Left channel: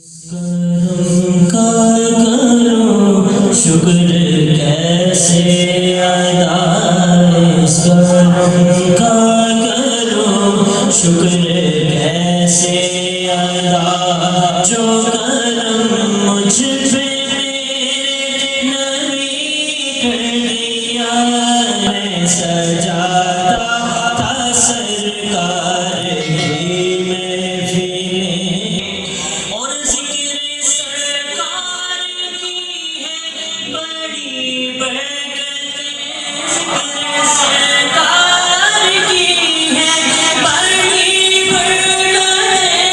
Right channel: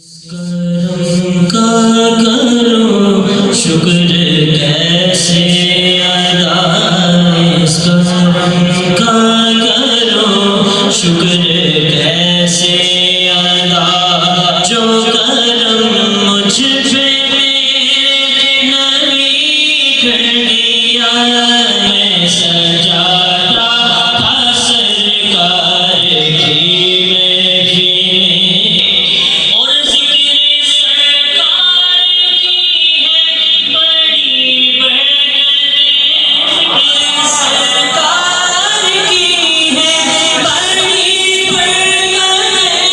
کرم کا کرو شکر کیسے ادا، اس کرم کا کرو شکر کیسے ادا، جو کرم مجھ پہ نبی کر دیا، میں سجاتا تھا سرکار کی محفلیں، اور ذکر سرکار کی ہے بڑی برکتیں، ذکر سرکار کی ہے بڑی برکتیں،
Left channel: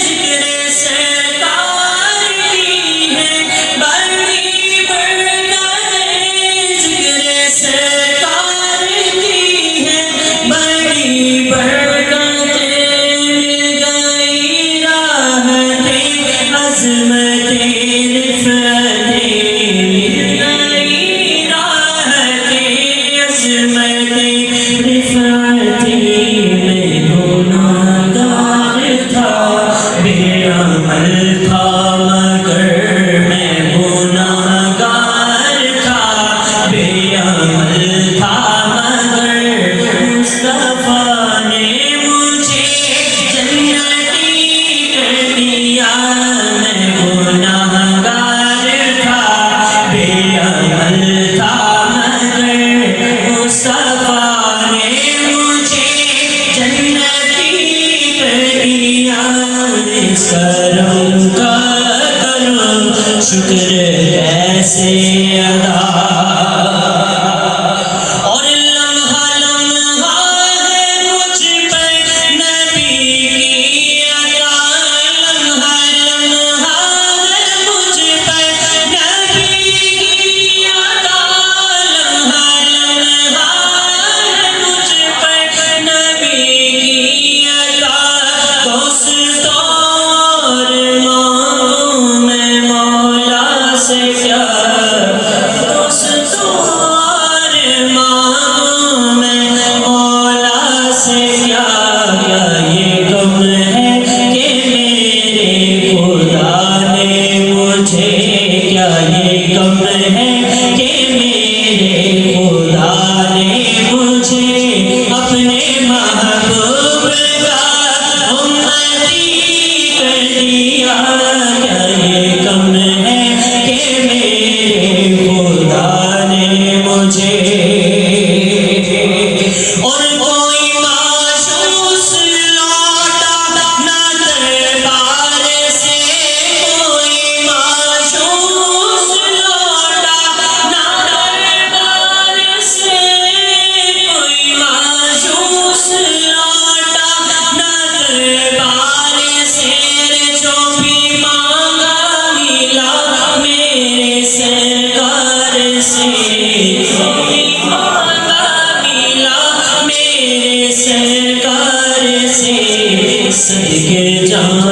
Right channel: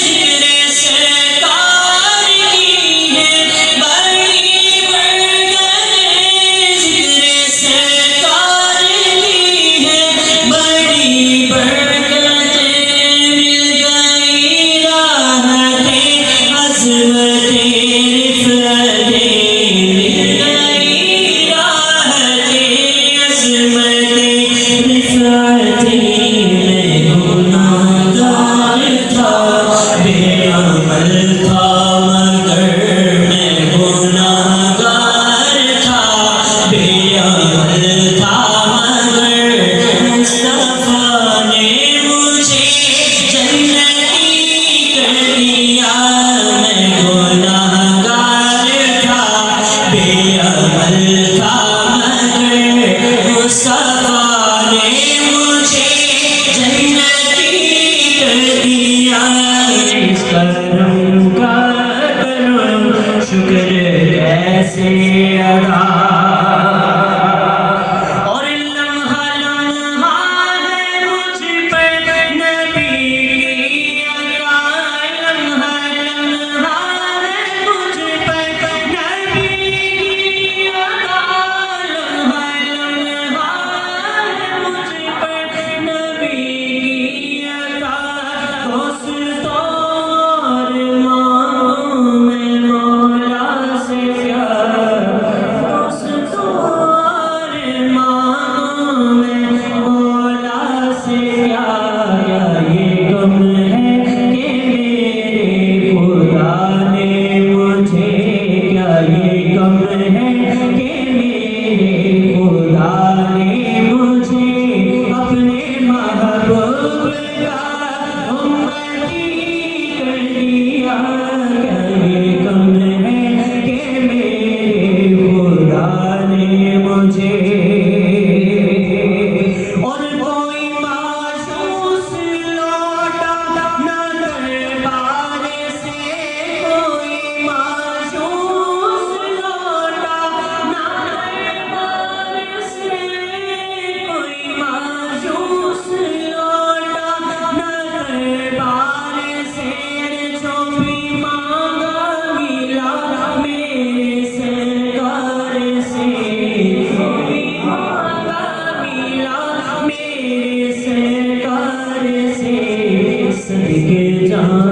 ذکر سرکار کی ہے بڑی برکتیں، ذکر سرکار کی ہے بڑی برکتیں، مل گئی راحتیں عظمتیں رفعتیں، مل گئی راحتیں عظمتیں رفعتیں، میں گناہگار تھا بے عمل تھا مگر میں گناہگار تھا بے عمل تھا مگر مصطفیٰ نے مجھے جنتی کر دیا، میں گناہگار تھا بے عمل تھا مگر مصطفیٰ نے مجھے جنتی کر دیا، اس کرم کا کرم شکر کیسے ادا، اور لمحہ لمحہ ہے مجھ پر نبی کی عطا، لمحہ لمحہ ہے مجھ پر نبی کی عطا، لمحہ لمحہ ہے مجھ پر نبی کی عطا، دوستوں اور مانگوں میں مولا سے کیا، دوستوں اور مانگوں میں مولا سے کیا، کیا یہ کم ہے کہ میرے خدا نے مجھے، کیا یہ کم ہے کہ میرے خدا نے مجھے اپنے محبوب کا امتی کر دیا، کیا یہ کم ہے کہ میرے خدا نے مجھے، اور کوئی معشوق لوٹا نہ دربار سے، کوئی معشوق لوٹا نہ دربار سے، کوئی معشوق لوٹا نہ دربار سے، جو بھی مانگا ملا میرے سرکار سے، جو بھی مانگا ملا میرے سرکار سے، صدقے جان